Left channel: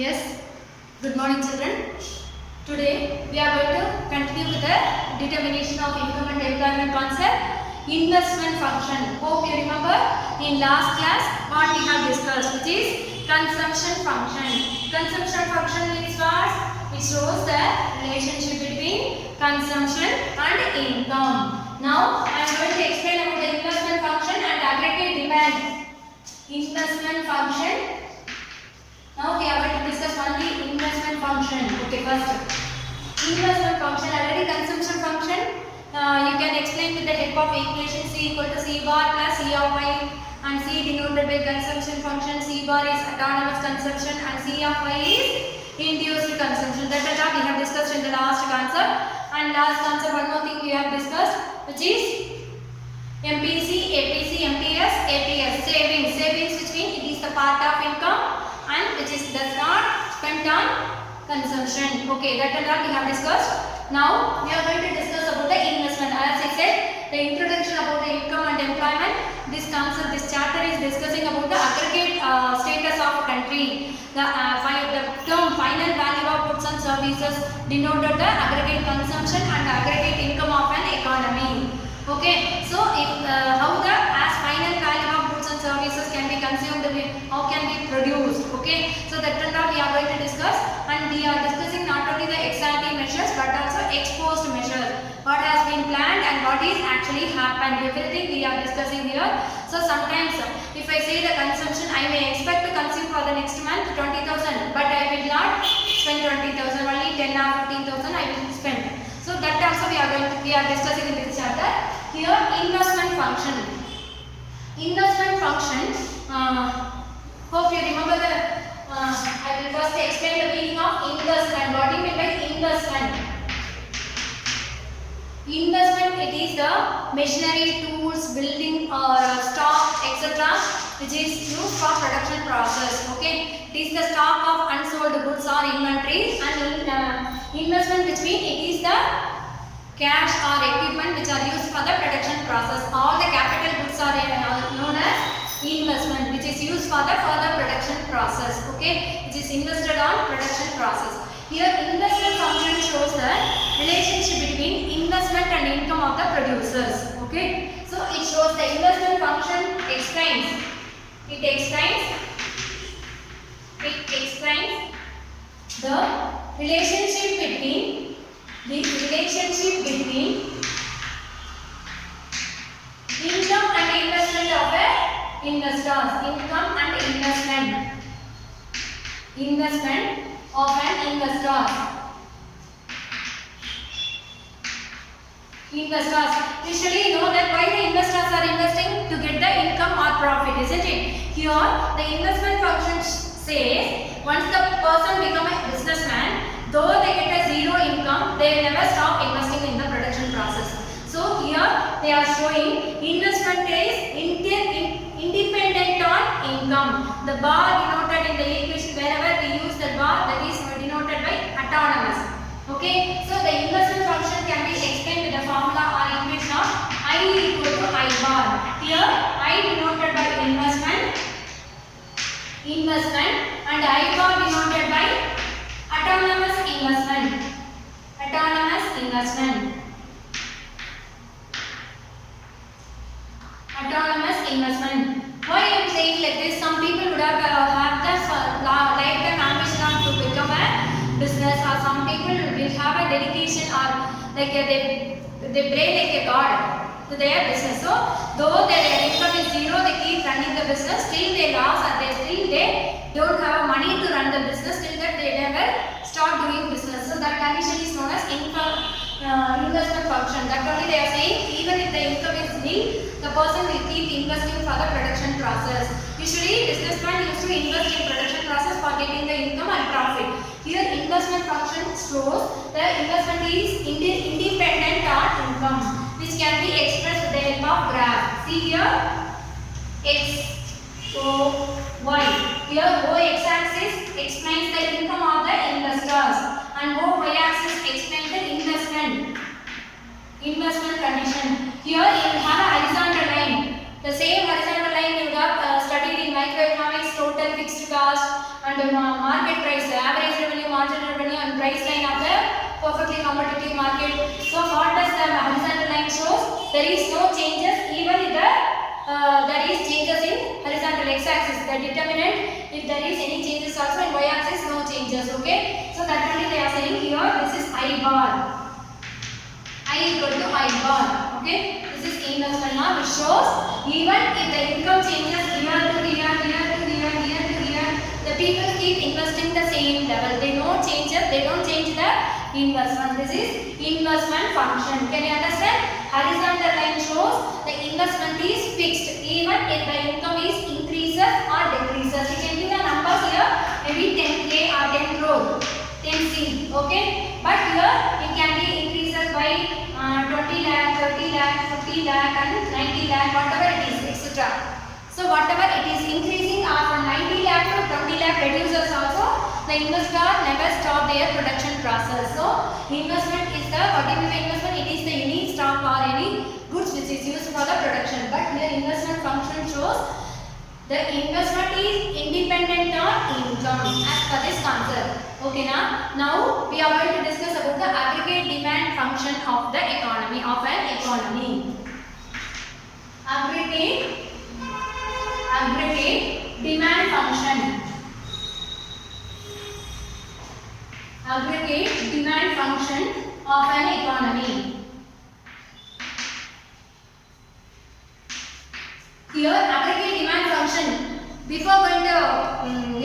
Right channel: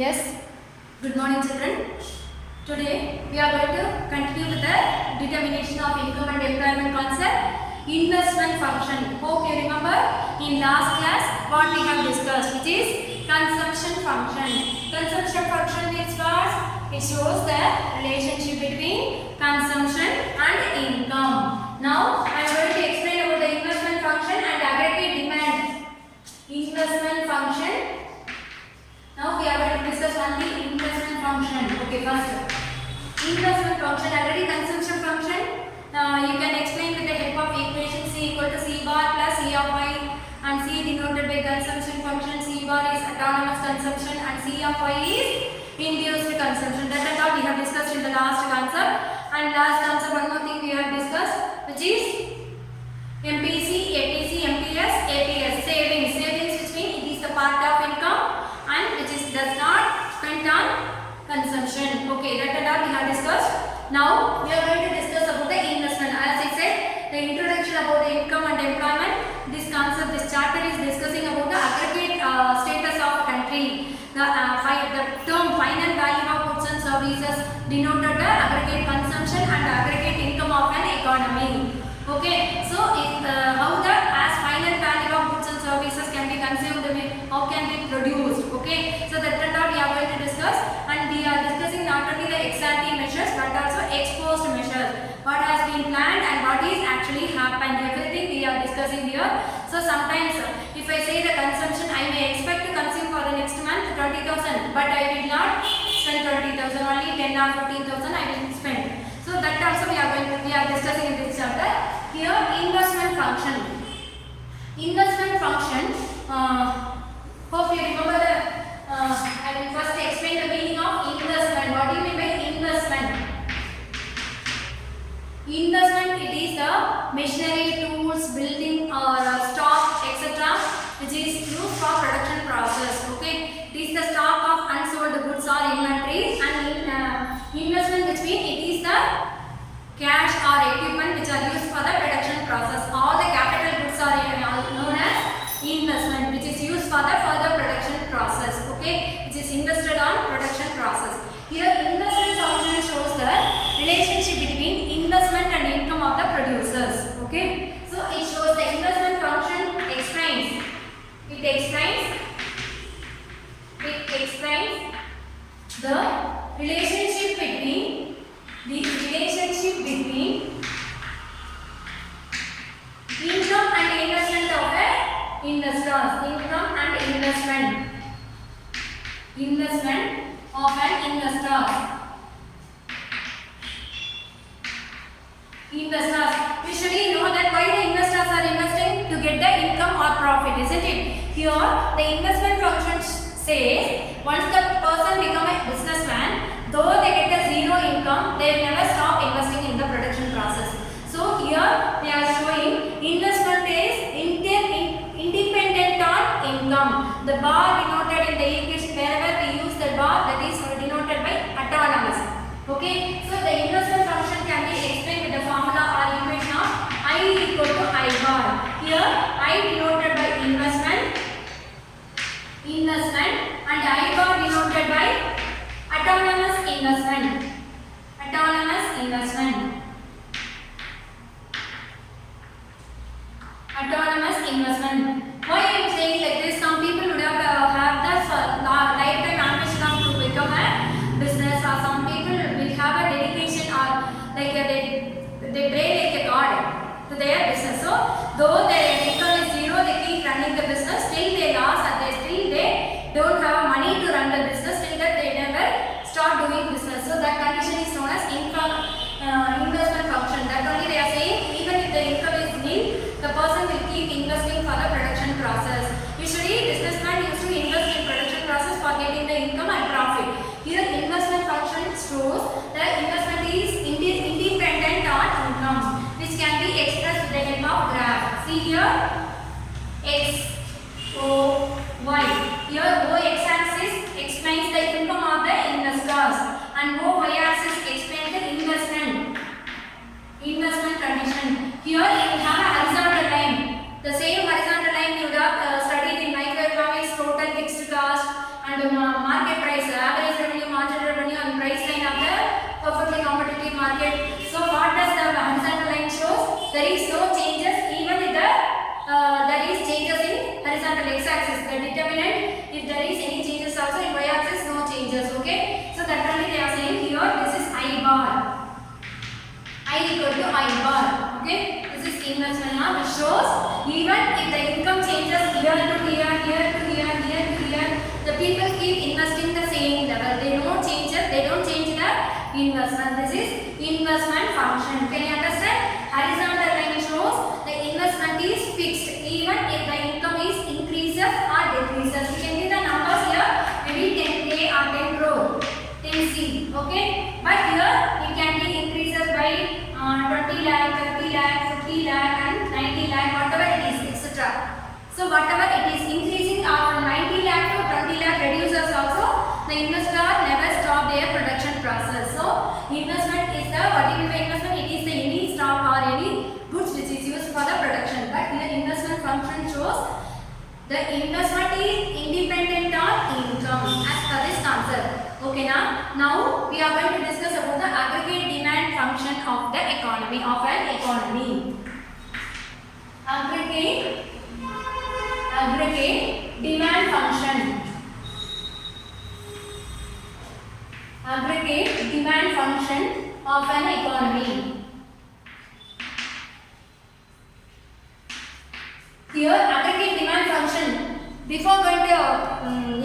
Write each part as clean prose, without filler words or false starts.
Yes, good morning children. Today we are going to continue with the determination of income and employment concept, investment function. Hope you remember in last class what we have discussed, which is consumption function. Consumption function means what? It shows the relationship between consumption and income. Now I am going to explain about the investment function and aggregate demand. Investment function. Now we are going to discuss only investment function. Okay, first investment function, already consumption function. You can explain with the help of equation C equal to C bar plus C of Y, and C denoted by consumption function. C bar is autonomous consumption and C of Y is induced consumption. That is what we have discussed in the last concept. And last concept, one more thing we have discussed, which is MPC, APC, MPS, APS, savings. Savings which means it is the part of income and which is does not spent on consumption. Okay, that and all we have discussed. Now we are going to discuss about the investment. As I said, the introduction about the income and employment. This concept, this chapter is discussing about the aggregate status of country. The term final value of goods and services denoted the aggregate consumption and aggregate income of an economy. Okay, so if how the as final value of goods and services can be consumed, how can be produced. Okay, so that and all we are going to discuss, and we are discussing not only the ex ante measures but also ex post measures. What has been planned and what is actually happened. Everything we are discussing here. So sometimes if I say the consumption, I may expect to consume for the next month 20,000, but I will not spend 20,000. Only 10 or 15,000 I will spend. So that also we are discussing in this chapter. Here investment function. Investment function. Hope you remember the. I will first explain the meaning of investment. What do you mean by investment? Investment, it is the machinery, tools, building or stock, etc., which is used for production process. Okay, it is the stock of unsold goods or inventories, and investment which means it is the cash or equipment which are used for the production process. All the capital goods are known as investment, which is used for the further production process. Okay, which is invested on production process. Here investment function shows the relationship between investment and income of the producers. Okay, so it shows the investment function explains. It explains the relationship between income and investment of the investors. Income and investment of an investor. Investors. Usually know that why the investors are investing to get the income or profit, isn't it? Here the investment function says once the person become a businessman, though they get a zero income, they will never stop investing in the production process. So here they are showing investment is independent on income. The bar denoted in the equation, wherever we use the bar, that is denoted by autonomous. Okay, so the investment function can be explained with the formula or equation of I equal to I bar. Here I denoted by investment, and I bar denoted by autonomous investment. Why I am saying like this? Some people would have the lifetime ambition to become a business, or some people will have a dedication, or like they pray like a god to their business. So though their income is zero, they keep running the business. Still they lost, and they don't have money to run the business. Till that they never start doing business. So that condition is known as investment function. That only they are saying even if the income is nil, the person will keep investing for the production process. Usually businessmen used to invest in production process for getting the income and profit. Here investment function shows that investment is independent on income, which can be expressed with the help of graph. See here X, O, Y. Here O x-axis explains the income of the investors, and O y-axis explains the investment condition. Here you will have a horizontal line. The same horizontal line you would have studied in microeconomics, total fixed cost, and market price, average revenue, marginal revenue, and price line of the perfectly competitive market. So what does the horizontal line shows? There is no changes even if there is changes in horizontal x-axis, the determinant. If there is any changes also in y-axis, no changes. Okay. So that only they are saying here. This is I bar. I equal to I bar. Okay. This is investment now, which shows even if the income changes here to here, here to here, here to here, the people keep investing the same level. They don't change it. They don't change the investment. This is investment function. Can you understand? Horizontal line shows the investment is fixed even if the income is increases or decreases. You can give the numbers here, maybe 10k or 10 crore, 10c. Okay, but here it can be increases by 20 lakh, 30 lakh, 50 lakh, and 90 lakh, whatever it is, etc. So whatever it is increasing from 90 lakh to 20 lakh reduces also, the investor never stop their production process. So investment is the, what is the investment? It is the any stock or any goods which is used for the production. But here investment function shows the investment is independent on income as per this concept. Okay, now we are going to discuss about the aggregate demand function of the economy, of an economy. Aggregate demand function. Aggregate demand function of an economy. Here aggregate demand function. Before going to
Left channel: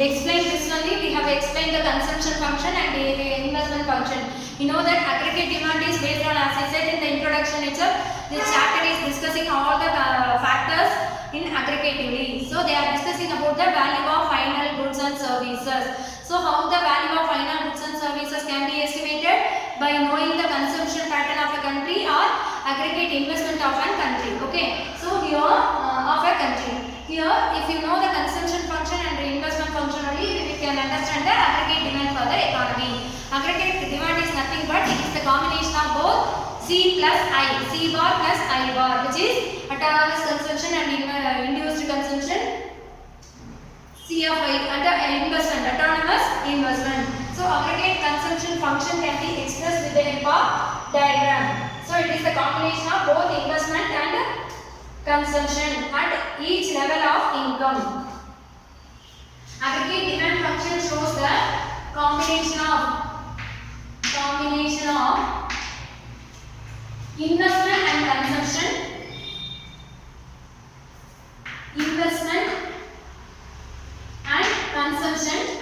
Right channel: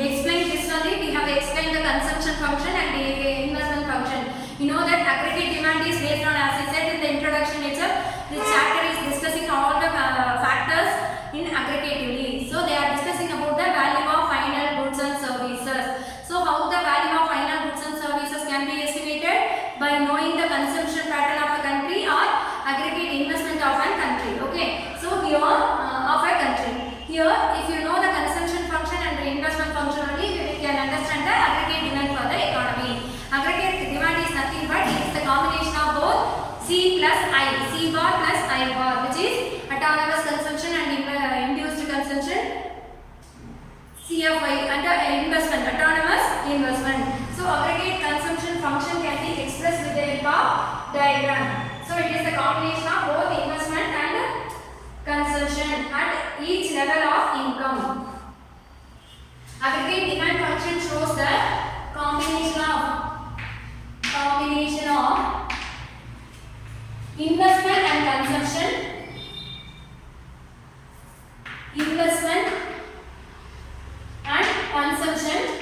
explain this only, we have explained the consumption function and the investment function. You know that aggregate demand is based on, as I said in the introduction itself, this chapter is discussing all the factors in aggregatively. So they are discussing about the value of final goods and services. So how the value of final goods and services can be estimated? By knowing the consumption pattern of a country or aggregate investment of a country. Okay. So here of a country. Here if you know the consumption function and the investment function only, we can understand the aggregate demand for the economy. Aggregate demand is nothing but it is the combination of both C plus I, C bar plus I bar, which is autonomous consumption and induced consumption, C of I, and investment, autonomous investment. So aggregate consumption function can be expressed with the help of diagram. So it is the combination of both investment and consumption at each level of income. Aggregate demand function shows the combination of investment and consumption, investment and consumption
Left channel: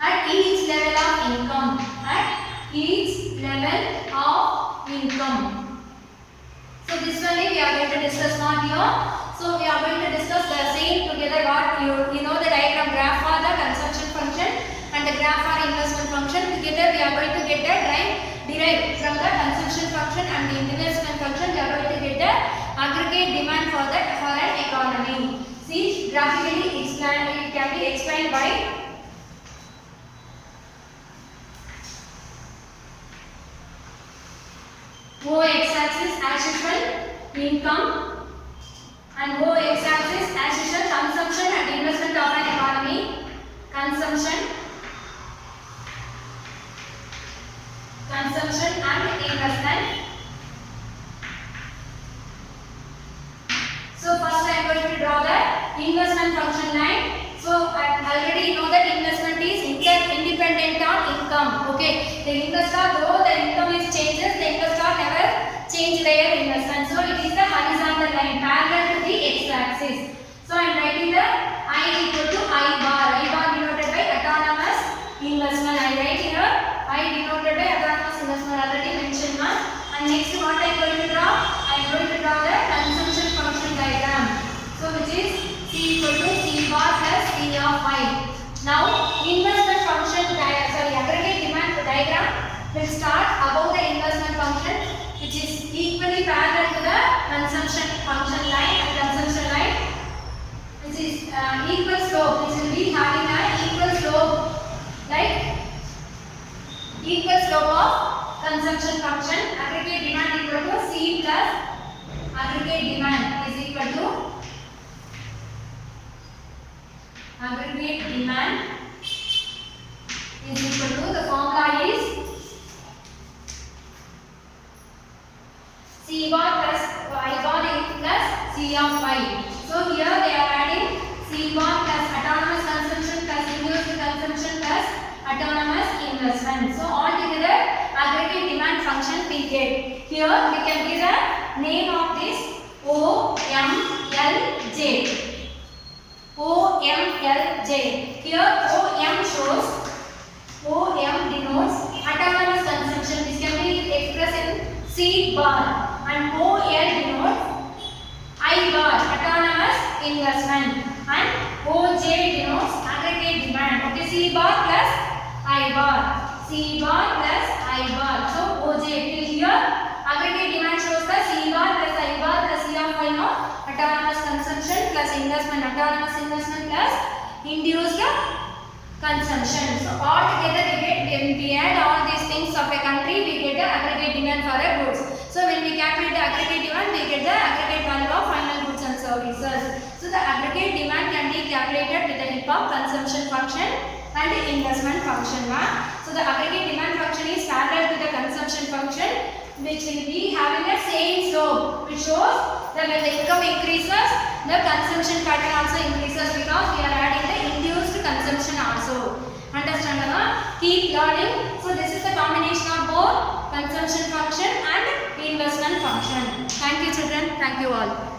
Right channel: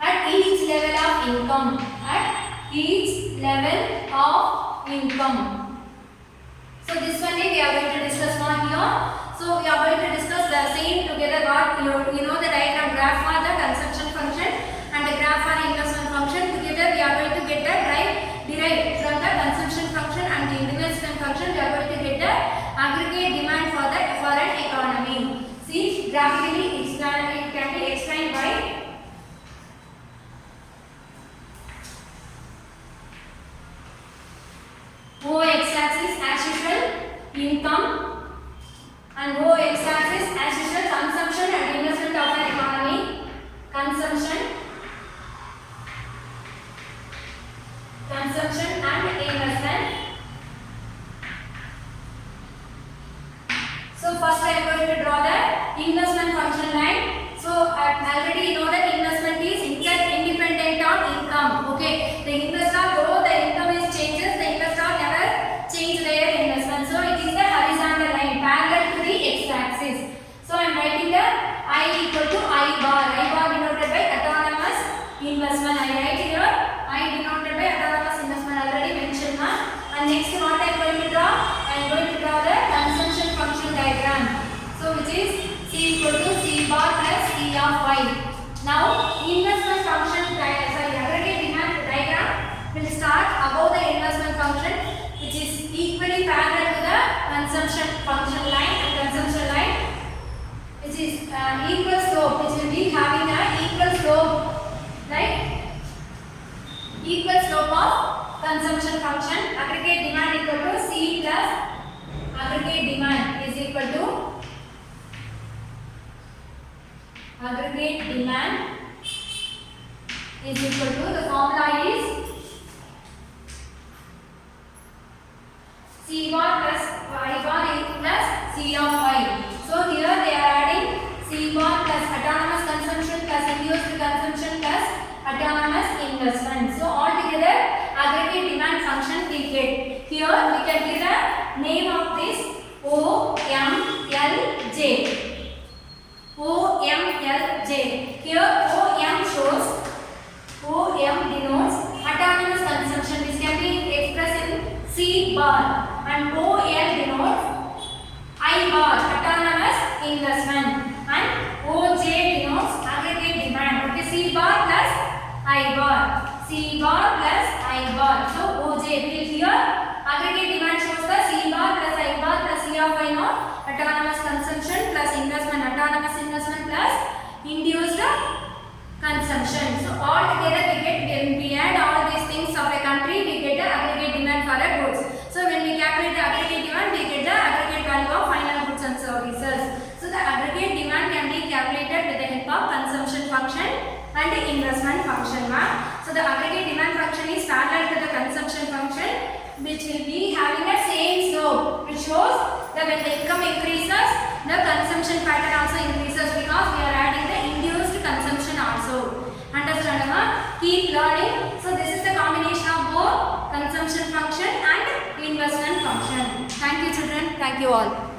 at each level of income, at each level of income. So this one we are going to discuss more here. So we are going to discuss the same together. What you know the diagram graph for the consumption function and the graph for investment function. Together we are going to get the derived from the consumption function and the investment function. We are going to get the aggregate demand for an economy. See, graphically explained, it can be explained by O-x-axis as usual income and O-x-axis as usual consumption and investment of an economy. Consumption and investment. So first I am going to draw the investment function line. So I already know that investment is independent on income. Okay, the investor, though the income is changes, the investor never change their investment. So it is the horizontal line parallel to the x-axis. So I am writing the I equal to I bar denoted by autonomous investment. I write here I denoted by autonomous investment, already mentioned. And next what I am going to draw? I am going to draw the consumption function diagram. So which is C equal to C bar plus C of Y. Now investment function aggregate demand diagram will start above the investment function, which is equally parallel to the consumption function line and consumption line, which is equal slope, which will be having an equal slope, like equal slope of consumption function. Aggregate demand equal to C plus aggregate demand is equal to aggregate demand is equal to, the formula is C bar plus Y bar plus C of Y. So here they are adding C bar plus autonomous consumption plus induced consumption plus autonomous investment. So altogether aggregate demand function we get. Here we can give the name of this OMLJ. OMLJ. Here OM shows, OM denotes autonomous consumption, which can be expressed in C bar, and OL denotes I bar, autonomous investment, and OJ denotes aggregate demand. Okay, C bar plus I bar, C bar plus I bar. So OJ will here aggregate demand shows the C bar plus I bar plus C of Y note, autonomous consumption plus investment, autonomous investment plus induced consumption. So all together we get, when we add all these things of a country, we get the aggregate demand for a goods. So when we calculate the aggregate demand, we get the aggregate value of final goods and services. So the aggregate demand can be calculated with the help of consumption function and the investment function. So the aggregate demand function is parallel to the consumption function, which will be having the same slope, which shows that when the income increases, the consumption pattern also increases, because we are adding the induced consumption also. Understand? Keep learning. So this is the combination of both consumption function and investment function. Thank you children. Thank you all.